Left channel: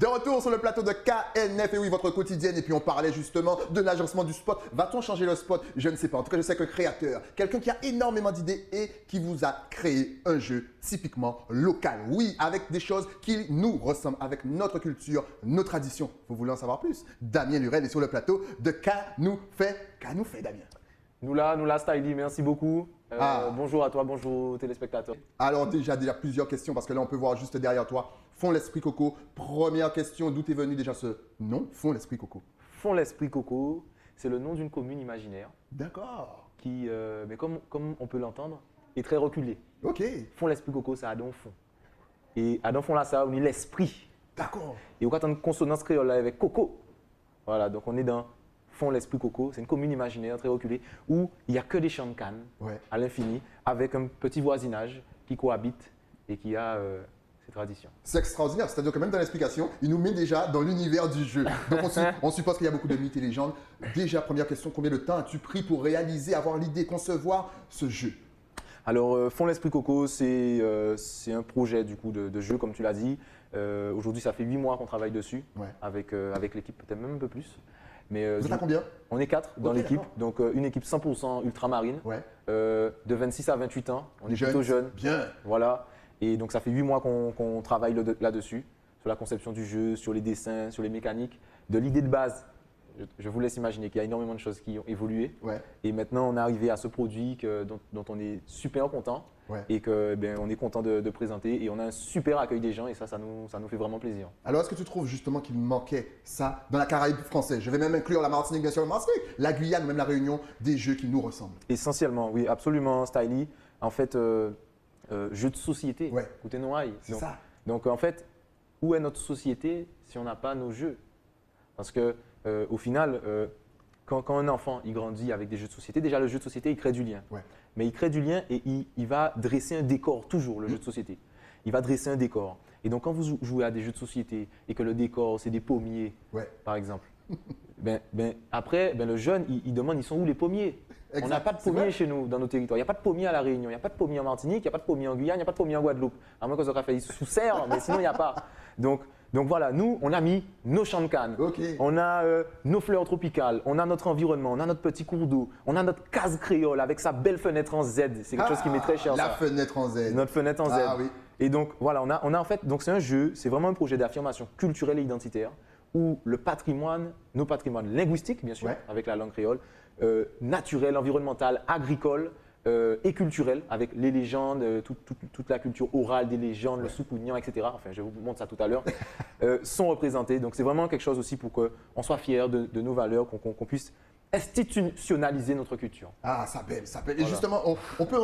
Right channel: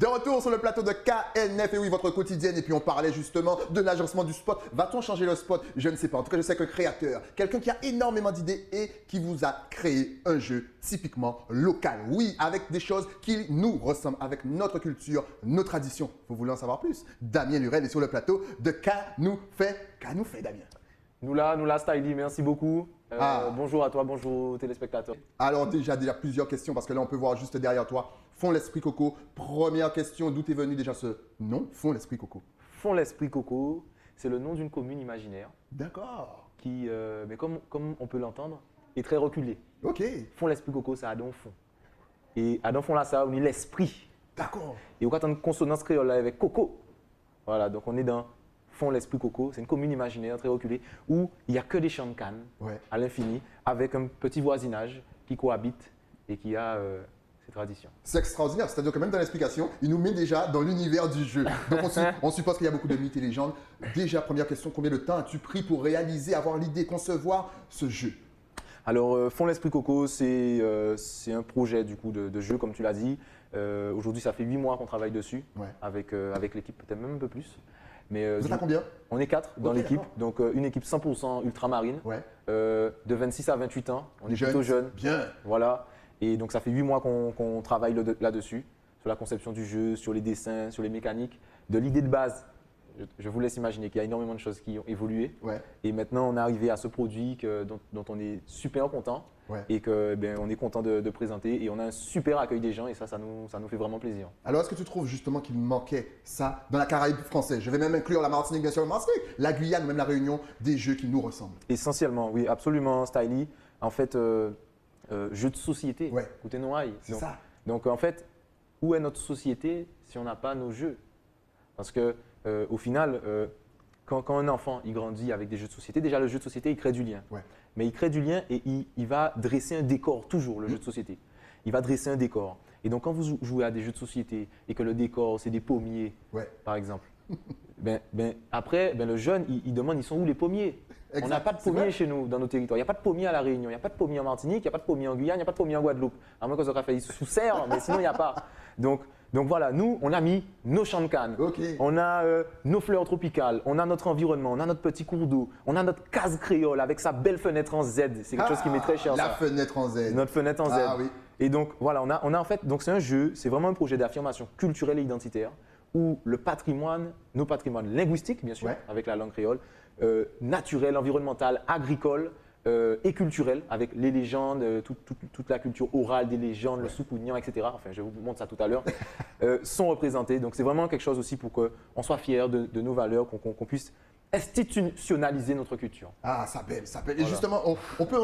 De retour sur le plateau de KNF, et oui, votre quotidienne. Et puis on parlait justement de l'agencement du spot. Va-t-on changer le spot? Je ne sais pas. En tout cas, je sais qu'un créateur, quelqu'un qui a énormément d'idées et qui vous a créé un jeu typiquement local. Oui, avec des choses qui nous ressemblent, avec notre culture, nos traditions. Vous voulez en savoir plus? Damien Lurel est sur le plateau de Qu'a-nous fait Damien. Nous là, Styly, merci beaucoup. Ah. Bonjour à toi, bonjour aux téléspectateurs. Alors déjà plusieurs questions parce que là on peut voir juste derrière toi Fond l'Esprit Coco. Première question, d'où est venu déjà ce nom, Fond l'Esprit Coco? Fond l'Esprit Coco, c'est le nom d'une commune imaginaire D'accord. qui, mais comme on peut l'entendre, est très reculée. Ok. Fond l'Esprit Coco, ça a donc fond. Et à donc fond là, ça a uni l'esprit. D'accord. Et au cas d'une consonance créole là avec Coco. Voilà, donc on est dans Fond l'Esprit Coco, c'est une commune imaginaire très reculée où il n'y a que des champs de canne à l'infini avec un petit voisinage qui cohabite et qui a ses traditions. C'est extraordinaire, c'est-à-dire que même dans l'explication, il nous met déjà dans l'univers du jeu. Donc on suppose qu'il y a beaucoup de mythes et légendes. Déjà, première question, combien de temps as-tu pris pour réaliser, avoir l'idée, concevoir ce jeu? Alors, Fond l'Esprit Coco, c'est un projet du coup de jeu, comme tu l'as dit. Aujourd'hui, ça fait 8 mois qu'on travaille dessus avec l'équipe, peut-être même un peu plus. Mais, vous êtes à combien? On est 4 dans l'équipe, donc une équipe 100% ultramarine, de 26 à 28 ans. On est plutôt jeunes. Bien. Voilà. Et donc, ça fait 8 mois qu'on travaille là-dessus, sur la conception du jeu, sur les dessins, sur les mécaniques, de l'idée de base. Je vous laisse imaginer qu'il y a énormément de choses qui ont évolué. Et maintenant, on est arrivé à ce produit dont on est super content et qu'on est content de présenter. Et on a un super accueil des gens et ça nous fait vraiment plaisir. Alors, est-ce que tu trouves justement qu'il manquait ça dans la Caraïbe française? Je vais même inclure la Martinique, bien sûr, la Guyane, même la Réunion, des jeux qui nous ressemblent. Essentiellement, oui, absolument, Styly. En fait, jeu de société. Écoutez, Noailles. C'est ça. Donc, en fait, où est notre société si on n'a pas nos jeux? Parce que au final, quand un enfant il grandit avec des jeux de société, déjà le jeu de société il crée du lien. Mais il crée du lien et il va dresser un décor toujours, le jeu de société. Il va dresser un décor. Et donc quand vous jouez à des jeux de société et que le décor c'est des pommiers, par exemple, après le jeune il demande ils sont où les pommiers? On n'a pas de pommiers chez nous, dans nos territoires. Il n'y a pas de pommiers à La Réunion, il n'y a pas de pommiers en Martinique, il n'y a pas de pommiers en Guyane, il n'y a pas de pommiers en Guadeloupe. À moins qu'on soit fait sous serre, mais sinon il n'y a pas. Donc voilà, nous, on a mis nos champs de canne, on a nos fleurs tropicales, on a notre environnement, on a notre petit cours d'eau, on a notre case créole avec sa belle fenêtre en Z. C'est quelque chose qui m'est très cher. La fenêtre en Z. Notre fenêtre en Z. Ah, oui. Et donc voilà, on a en fait, donc c'est un jeu, c'est vraiment un projet d'affirmation culturelle et identitaire où le patrimoine, nos patrimoines linguistiques bien sûr, avec la langue créole, naturel, environnemental, agricole, et culturel avec les légendes, toute la culture orale des légendes, le soukounian, etc. Enfin, je vous montre ça tout à l'heure, sont représentés. Donc, c'est vraiment quelque chose aussi pour qu'on soit fiers de nos valeurs, qu'on puisse institutionnaliser notre culture. Ah, ça belle, ça belle. Et justement, on peut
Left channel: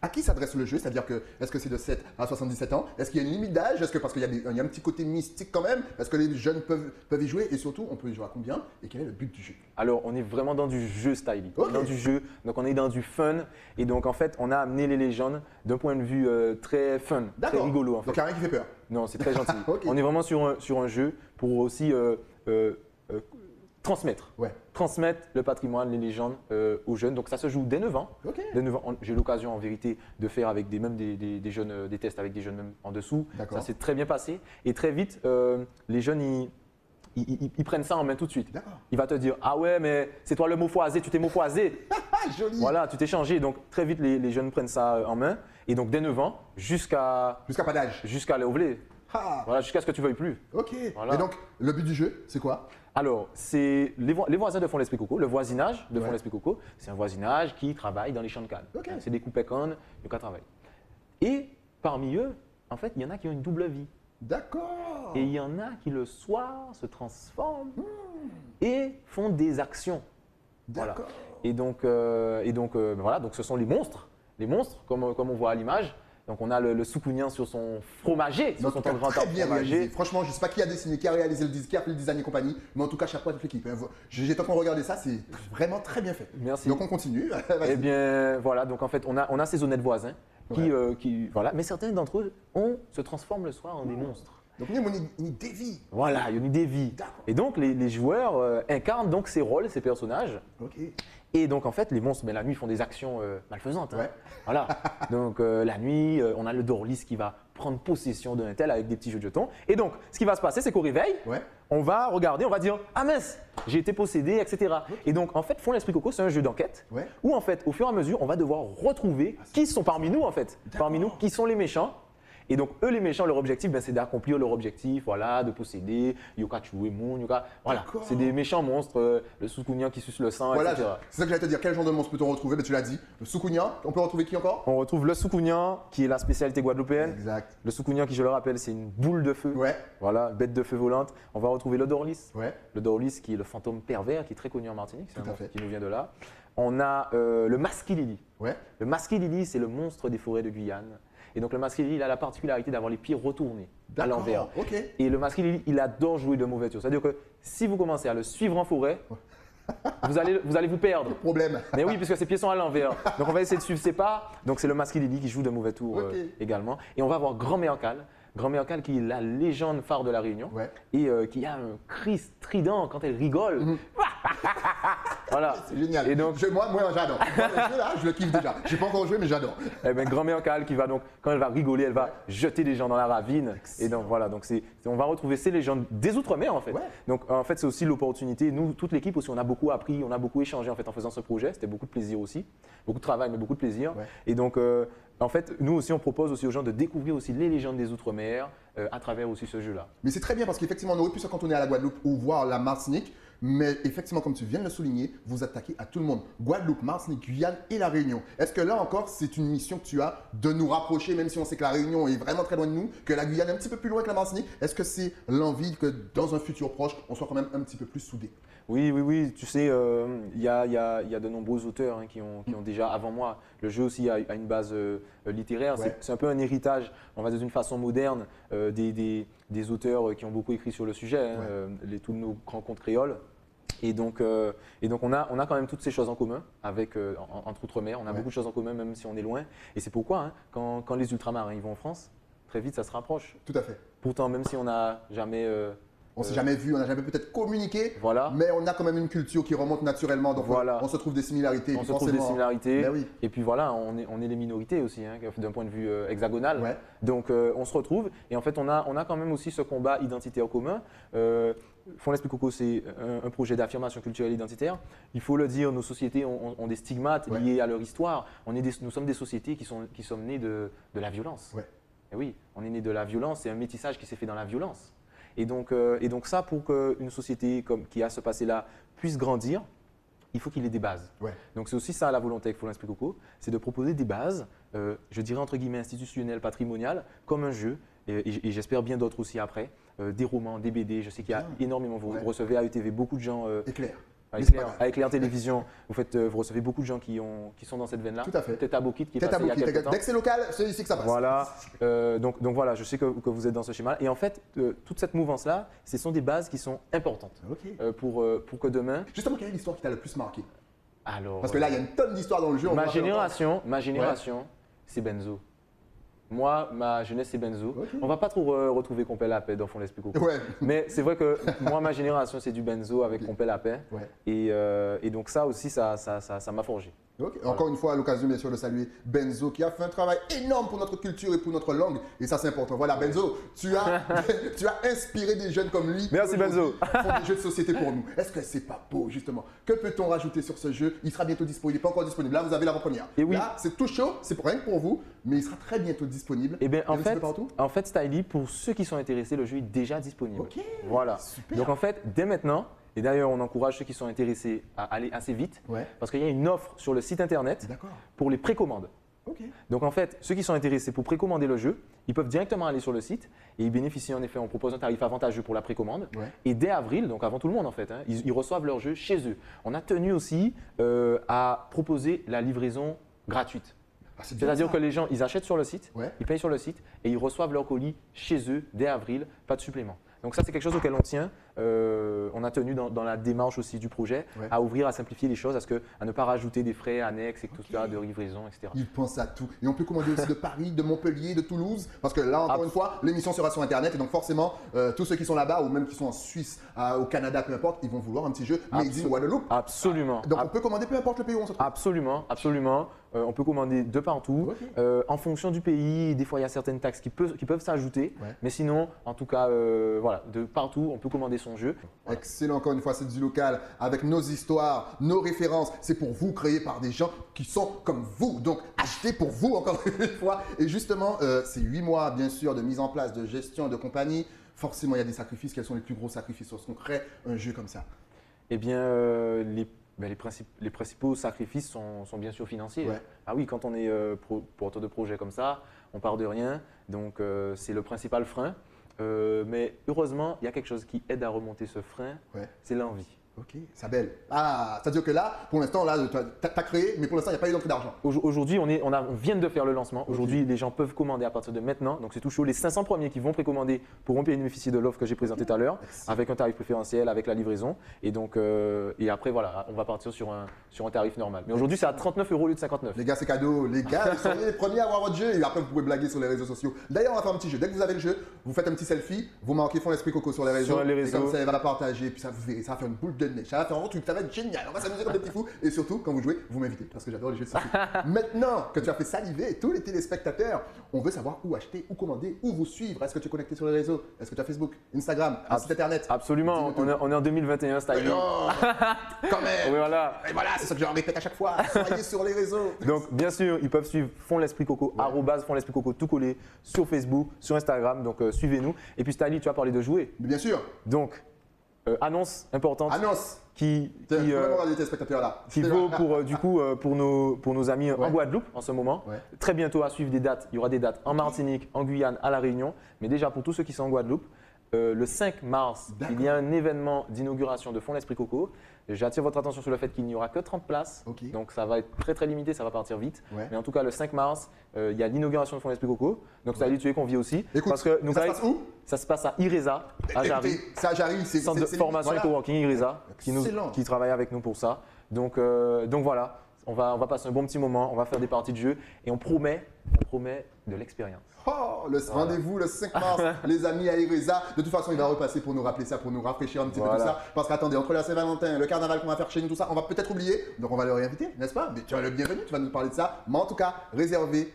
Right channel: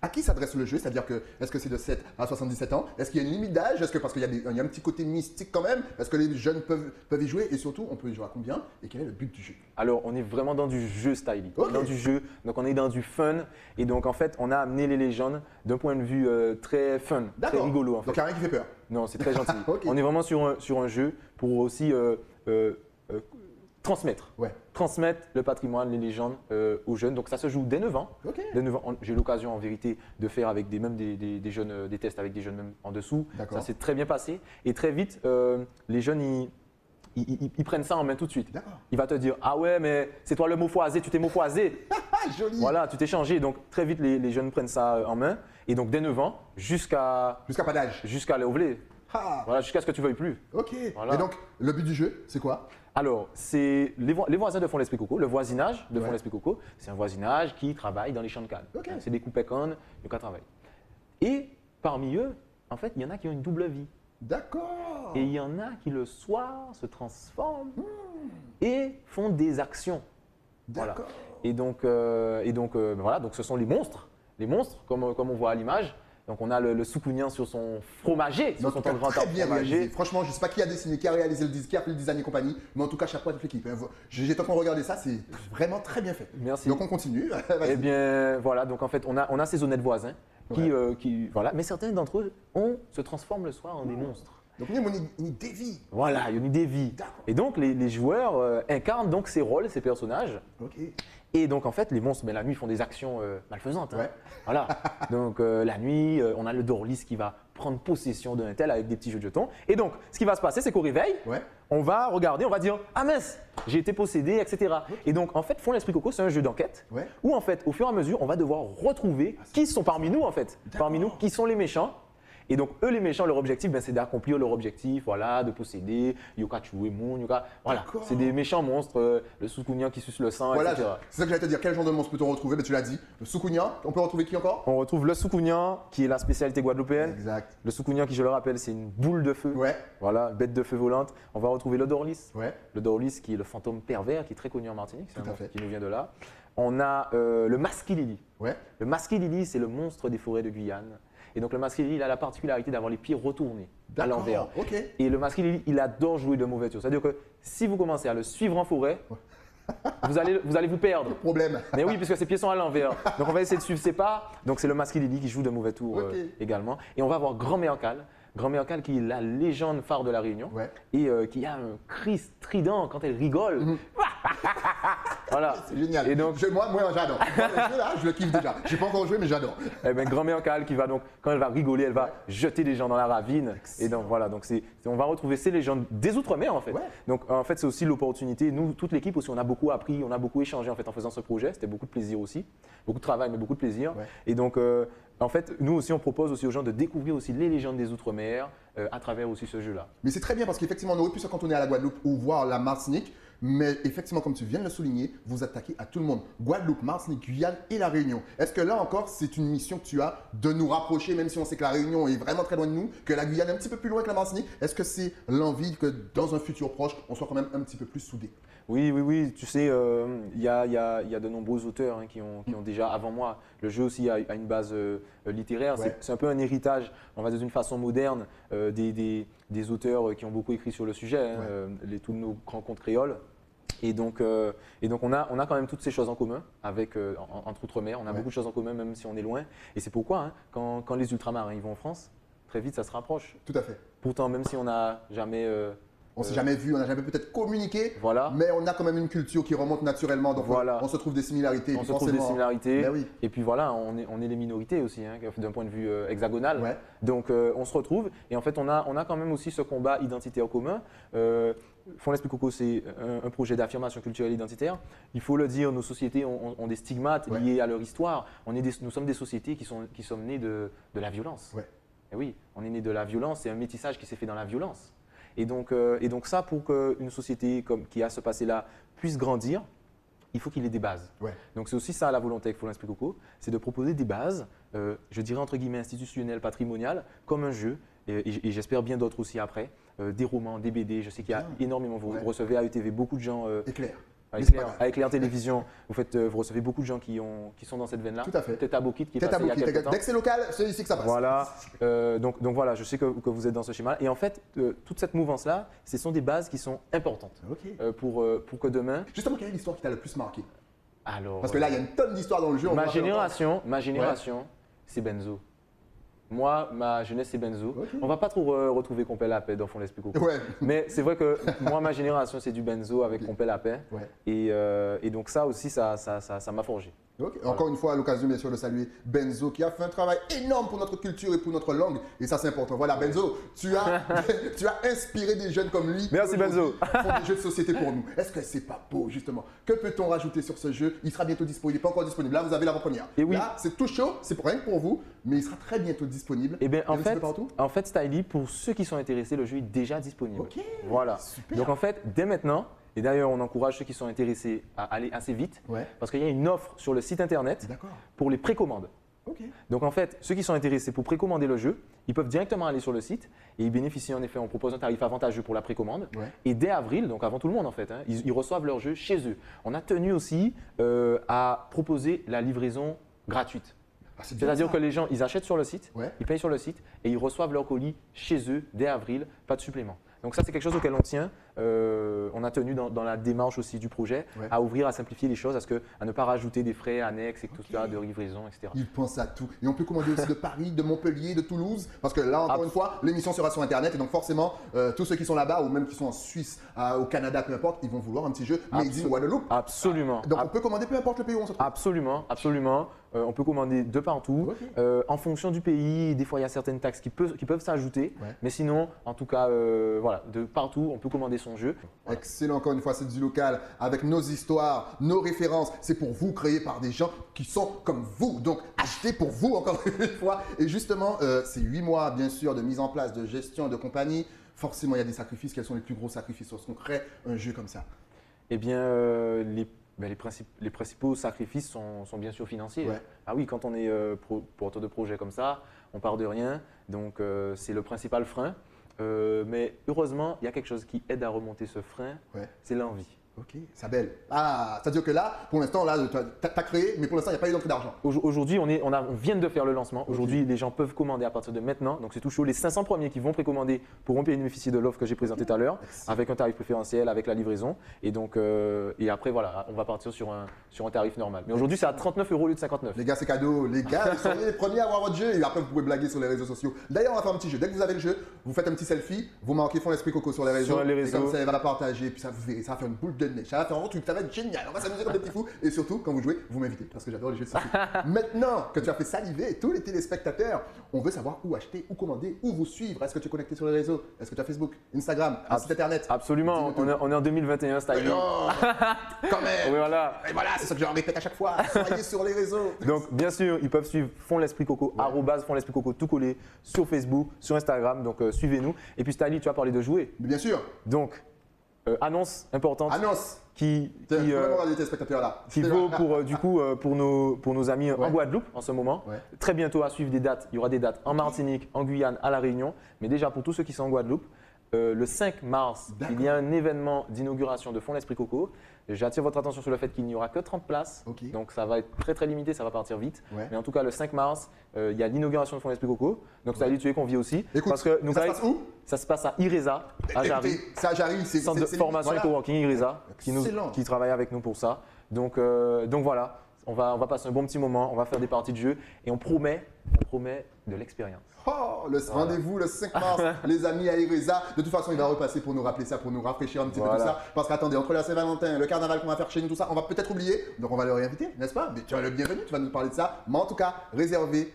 à qui s'adresse le jeu? C'est-à-dire que est-ce que c'est de 7 à 77 ans? Est-ce qu'il y a une limite d'âge? Est-ce que parce qu'il y a un petit côté mystique quand même? Est-ce que les jeunes peuvent y jouer? Et surtout, on peut y jouer à combien? Et quel est le but du jeu? Alors, on est vraiment dans du jeu Styly, dans du jeu. Donc, on est dans du fun. Et donc, en fait, on a amené les légendes d'un point de vue très fun, très rigolo. En fait. Donc, il n'y a rien qui fait peur? Non, c'est très gentil. On est vraiment sur un jeu pour aussi transmettre le patrimoine, les légendes aux jeunes. Donc ça se joue dès 9 ans. Dès 9 ans, j'ai eu l'occasion en vérité de faire avec des jeunes, des tests avec des jeunes même en dessous. Ça s'est très bien passé. Et très vite, les jeunes, ils prennent ça en main tout de suite. Il va te dire, ah ouais, mais c'est toi le mot foisé, tu t'es mot foisé. Joli. Voilà, tu t'es changé. Donc très vite, les jeunes prennent ça en main. Et donc dès 9 ans, jusqu'à pas d'âge. Jusqu'à l'ouvler. Voilà, jusqu'à ce que tu veuilles plus. Voilà. Et donc, le but du jeu, c'est quoi? Alors, c'est les voisins de Fond l'Esprit Coco, le voisinage de Fond l'Esprit Coco, c'est un voisinage qui travaille dans les champs de canne. C'est des coupes cannes, qui travaillent. Et parmi eux, en fait, il y en a qui ont une double vie. D'accord. Et il y en a qui le soir se transforment et font des actions. Voilà. Et donc, voilà, donc ce sont les monstres, comme on voit à l'image. Donc, on a le soukounian sur son fromager, sur son grand fromager. Franchement, je ne sais pas qui a dessiné, qui a réalisé qui a fait le design et compagnie, mais en tout cas, chapeau à toute l'équipe. J'étais en train de regarder ça, c'est vraiment très bien fait. Merci. Donc, on continue. Eh bien, voilà, donc en fait, on a ces honnêtes voisins qui voilà, mais certains d'entre eux se transforment le soir en des monstres. Donc, il y a une dévie. Voilà, il y a une dévie. Et donc, les joueurs incarnent donc ces rôles, ces personnages. Ok. Et donc, en fait, les monstres, mais la nuit, font des actions malfaisantes. Hein. Ouais. Voilà. Donc, la nuit, on a le Dorlis qui va prendre possession d'un tel avec des petits jeux de jetons. Et donc, ce qui va se passer, c'est qu'au réveil, on va regarder, on va dire « Ah mince, j'ai été possédé, etc. » Et donc, en fait, Fond l'Esprit Coco, c'est un jeu d'enquête où, en fait, au fur et à mesure, on va devoir retrouver qui sont parmi nous, en fait. Parmi nous, qui sont les méchants. Et donc, eux, les méchants, leur objectif, c'est d'accomplir leur objectif, voilà, de posséder, Yoka Chuemon, Yoka. Voilà, c'est des méchants monstres, le Soukounian qui suce le sang, voilà, etc. C'est ça que j'allais te dire. Quel genre de monstre peut-on retrouver? Tu l'as dit. Le Soukounian. On peut retrouver qui encore? On retrouve le Soukounian, qui est la spécialité guadeloupéenne. Exact. Le Soukounian, qui, je le rappelle, c'est une boule de feu. Ouais. Voilà, bête de feu volante. On va retrouver le Dorlis. Ouais. Le Dorlis, qui est le fantôme pervers, qui est très connu en Martinique. C'est un monstre fait. qui nous vient de là. On a le Maskilili. Ouais. Le Maskilili, c'est le monstre des forêts de Guyane. Et donc, le Maskilili, il a la particularité d'avoir les pieds retournés à l'envers. Ok. Et le Maskilili, il adore jouer de mauvais tours. C'est-à-dire que si vous commencez à le suivre en forêt, vous allez vous perdre. Problème. Mais oui, puisque ses pieds sont à l'envers. Donc, on va essayer de suivre ses pas. Donc, c'est le Maskilili qui joue de mauvais tours également. Et on va avoir Grand Méancal. Grand Méancal qui est la légende phare de la Réunion et qui a un cri strident quand elle rigole. Voilà. C'est génial. Et donc, moi j'adore. Je le kiffe déjà. Je n'ai pas encore joué, mais j'adore. Eh ben, Grand Méancal qui va donc, quand elle va rigoler, elle va jeter des gens dans la ravine. Excellent. Et donc voilà, donc on va retrouver ces légendes des Outre-mer en fait. Donc en fait, c'est aussi l'opportunité. Nous, toute l'équipe aussi, on a beaucoup appris, on a beaucoup échangé en fait en faisant ce projet. C'était beaucoup de plaisir aussi, beaucoup de travail, mais beaucoup de plaisir. Et donc en fait, nous aussi, on propose aussi aux gens de découvrir aussi les légendes des Outre-mer à travers aussi ce jeu-là. Mais c'est très bien parce qu'effectivement, on aurait pu se cantonner à la Guadeloupe ou voir la Martinique. Mais effectivement, comme tu viens de le souligner, vous attaquez à tout le monde. Guadeloupe, Martinique, Guyane et La Réunion. Est-ce que là encore, c'est une mission que tu as de nous rapprocher, même si on sait que La Réunion est vraiment très loin de nous, que la Guyane est un petit peu plus loin que la Martinique? Est-ce que c'est l'envie que dans un futur proche, on soit quand même un petit peu plus soudés? Oui. Tu sais, il y a de nombreux auteurs qui ont déjà, avant moi, le jeu aussi a une base littéraire. C'est un peu un héritage, on va dire d'une façon moderne, des auteurs qui ont beaucoup écrit sur le sujet, tous nos compatriotes. Et donc on a quand même toutes ces choses en commun avec entre eux-mêmes. On a beaucoup de choses en commun même si on est loin. Et c'est pourquoi quand les Ultramarins arrivent en France, très vite ça se rapproche. Tout à fait. Pourtant même si on n'a jamais on s'est jamais vu, on n'a jamais peut-être communiqué, mais on a quand même une culture qui remonte naturellement. Donc on se trouve des similarités. On se trouve des similarités. Et puis voilà, on est les minorités aussi, d'un point de vue hexagonal. Donc on se retrouve et en fait on a quand même aussi ce combat identitaire commun. Fond l'Esprit Coco, c'est un projet d'affirmation culturelle identitaire. Il faut le dire, nos sociétés ont des stigmates liés à leur histoire. Nous sommes des sociétés qui sommes nées de la violence. Et oui, on est né de la violence, c'est un métissage qui s'est fait dans la violence. Et donc ça, pour qu'une société qui a ce passé-là puisse grandir, il faut qu'il ait des bases. Donc c'est tout ça la volonté avec Fond l'Esprit Coco, c'est de proposer des bases, je dirais entre guillemets institutionnelles, patrimoniales, comme un jeu, et j'espère bien d'autres aussi après, des romans, des BD, je sais qu'il y a énormément, vous recevez à ETV beaucoup de gens… Éclair. Avec Éclair Télévision, vous recevez beaucoup de gens qui sont dans cette veine-là. Tout à fait. Tête à Bokit qui est passé il y a quelques temps. Dès que c'est local, c'est ici que ça passe. Voilà. Donc voilà, je sais que vous êtes dans ce schéma. Et en fait, toute cette mouvance-là, ce sont des bases qui sont importantes pour que demain… Justement, quelle est l'histoire qui t'a le plus marqué? Alors, parce que là, il y a une tonne d'histoires dans le jeu. Ma génération, c'est Benzo. Moi, ma jeunesse, c'est Benzo. On va pas trop retrouver Compé la paix dans Fond l'Esprit Coco. Mais c'est vrai que moi, ma génération, c'est du Benzo avec Compé la paix. Et donc ça aussi, ça m'a forgé. Encore une fois, à l'occasion, bien sûr, de saluer Benzo qui a fait un travail énorme pour notre culture et pour notre langue. Et ça, c'est important. Voilà, Benzo, tu as inspiré des jeunes comme lui. Merci, Benzo. Font des jeux de société pour nous. Est-ce que c'est pas beau, justement? Que peut-on rajouter sur ce jeu? Il sera bientôt disponible. Il n'est pas encore disponible. Là, vous avez l'avant-première. Là, c'est tout chaud. C'est rien que pour vous. Mais il sera très bientôt disponible. Et bien, en fait, Styly, pour ceux qui sont intéressés, le jeu est déjà disponible. Voilà. Super. Donc, en fait, dès maintenant, et d'ailleurs, on encourage ceux qui sont intéressés à aller assez vite parce qu'il y a une offre sur le site internet pour les précommandes. Donc en fait, ceux qui sont intéressés pour précommander le jeu, ils peuvent directement aller sur le site et ils bénéficient en effet, on propose un tarif avantageux pour la précommande. Et dès avril, donc avant tout le monde en fait, ils reçoivent leur jeu chez eux. On a tenu aussi à proposer la livraison gratuite. C'est-à-dire que les gens, ils achètent sur le site, ils payent sur le site et ils reçoivent leur colis chez eux dès avril, pas de supplément. Donc ça, c'est quelque chose auquel on tient. On on a tenu dans la démarche aussi du projet à ouvrir, à simplifier les choses, à ne pas rajouter des frais annexes et tout ça, de livraison, etc. Il pense à tout. Et on peut commander aussi de Paris, de Montpellier, de Toulouse, parce que là, encore une fois, l'émission sera sur Internet et donc forcément, tous ceux qui sont là-bas ou même qui sont en Suisse, au Canada, peu importe, ils vont vouloir un petit jeu Made in Guadeloupe. Absolument. Donc on peut commander peu importe le pays où on se trouve. Absolument, absolument. On peut commander de partout. En fonction du pays, des fois il y a certaines taxes qui peuvent s'ajouter. Mais sinon, en tout cas, voilà, de partout, on peut commander son jeu. Voilà. Excellent, encore une fois, c'est du local avec nos histoires, nos références. C'est pour vous, créé par des gens qui sont comme vous. Donc achetez pour vous, encore une fois. Et justement, c'est 8 mois, bien sûr, de mise en place, de gestion, de compagnie. Forcément, il y a des sacrifices. Quels sont les plus gros sacrifices lorsqu'on crée un jeu comme ça? Eh bien, les principaux sacrifices sont bien sûr financiers. Ah oui, quand on est porteur de projet comme ça, on part de rien. Donc, c'est le principal frein. Mais heureusement, il y a quelque chose qui aide à remonter ce frein, c'est l'envie. Ok, Sabel. Ah, c'est-à-dire que là, pour l'instant, là, tu as créé, mais pour l'instant, il n'y a pas eu d'entrée d'argent. Aujourd'hui, on vient de faire le lancement. Aujourd'hui, les gens peuvent commander à partir de maintenant. Donc, c'est tout chaud. Les 500 premiers qui vont précommander pourront bénéficier de l'offre que j'ai présentée tout à l'heure, avec un tarif préférentiel, avec la livraison. Et donc, et après, voilà, on va partir sur un tarif normal. Mais aujourd'hui, c'est à 39 € au lieu de 59. Les gars, c'est cadeau. Les gars, ils sont les premiers à avoir votre jeu. Et après, vous pouvez blaguer sur les réseaux sociaux. D'ailleurs, on va faire un petit jeu. Dès que vous avez le jeu, vous faites un petit selfie, vous marquez Fond l'Esprit Coco sur les réseaux. Et comme ça, elle va la partager. Puis ça, vous verrez, ça va faire une boule de neige. Ça va faire un truc, ça va être génial. On va s'amuser comme des petits fous. Et surtout, quand vous jouez, vous m'invitez. Parce que j'adore les jeux de société. Maintenant que tu as fait saliver tous les téléspectateurs, on veut savoir où acheter, où commander, où vous suivre. Est-ce que tu es connecté sur les réseaux? Est-ce que tu as Facebook, Instagram, Internet? Absolument. On est en 2021, Styling. Non, quand même. Oui, voilà. Et voilà, c'est ça que je leur répète à chaque fois. Soyez sur les réseaux. Donc, bien sûr, ils peuvent suivre Fond l'Esprit Coco, @Fond l'Esprit Coco, tout collé sur Facebook, sur Instagram. Donc, suivez-nous. Et puis, Styling, tu as parlé de jouer. Bien sûr. Donc, annonce importante. Annonce. Qui vaut pour nos amis en Guadeloupe en ce moment. Très bientôt à suivre des dates. Il y aura des dates en Martinique, en Guyane, à La Réunion. Mais déjà, pour tous ceux qui sont en Guadeloupe, le 5 mars, il y a un événement d'inauguration de Fond l'Esprit Coco. J'attire votre attention sur le fait qu'il n'y aura que 30 places. Donc, ça va être très, très limité. Ça va partir vite. Mais en tout cas, le 5 mars, il y a l'inauguration de Fond l'Esprit Coco. Donc, ça a dit tu es convié aussi. Écoute, parce que ça se passe où? Ça se passe à IRESA, à Jarry. C'est à Jarry. C'est centre de formation et coworking IRESA qui travaille avec nous pour ça. Donc voilà, on va passer un bon petit moment. On va faire des parties de jeu et on promet de l'expérience. Oh, rendez-vous le 5 mars, les amis à IRESA. De toute façon, il va repasser pour nous rappeler ça, pour nous rafraîchir un petit peu tout ça. Parce qu'attendez, entre la Saint-Valentin, le carnaval qu'on va faire chez nous, tout ça, on va peut-être oublier. Donc on va le réinviter, n'est-ce pas? Mais tu as le bienvenu, tu vas nous parler de ça. Mais en tout cas, réservez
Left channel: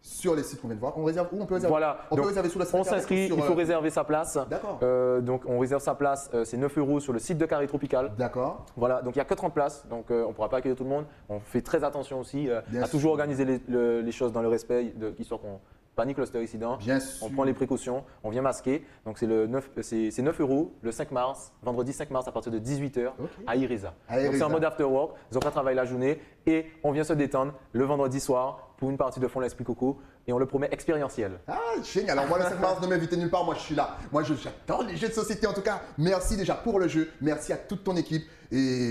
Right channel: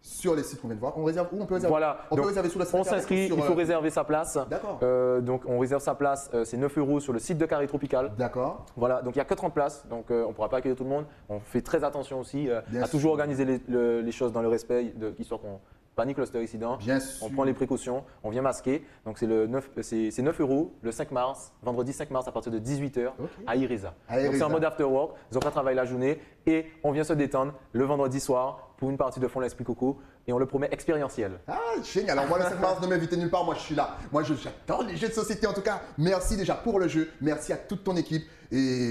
sur les sites qu'on vient de voir. On réserve où? On peut réserver. Voilà. On peut réserver sous la On s'inscrit, il faut réserver sa place. D'accord. Donc on réserve sa place, c'est 9 € sur le site de Carré Tropical. D'accord. Voilà, donc il n'y a que 30 places, donc on ne pourra pas accueillir tout le monde. On fait très attention aussi à toujours organiser les choses dans le respect, histoire qu'on pas ni cluster incident. On prend les précautions, on vient masquer. Donc c'est 9 € le 5 mars, vendredi 5 mars à partir de 18 h à IRESA. C'est en mode after work, donc on travaille la journée et on vient se détendre le vendredi soir pour une partie de Fond l'Esprit Coco. Et on le fait expérience là. Merci pour le jeu, merci à toute l'équipe et merci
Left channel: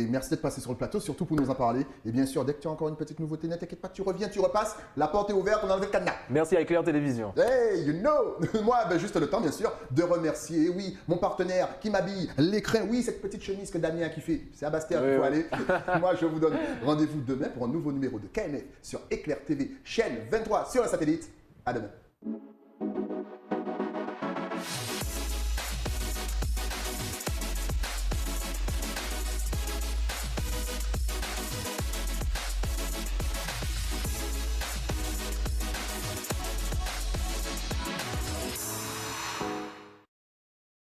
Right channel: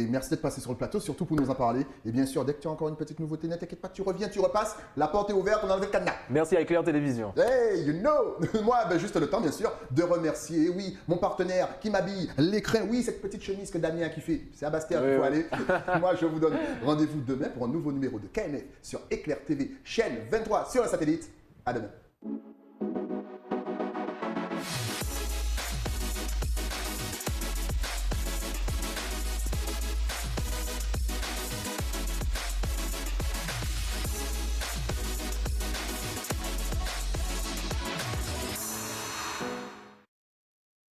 pour tout ce que vous avez parlé. Je me suis avec Jean-Paul merci à Éclair Télévision. Hey, non, moi, de remercier mon partenaire qui m'a dit l'écran, oui, cette petite chemise que Damien a kiffé. C'est à Bastien qu'il faut aller. Moi, je vous donne rendez-vous demain pour un nouveau numéro.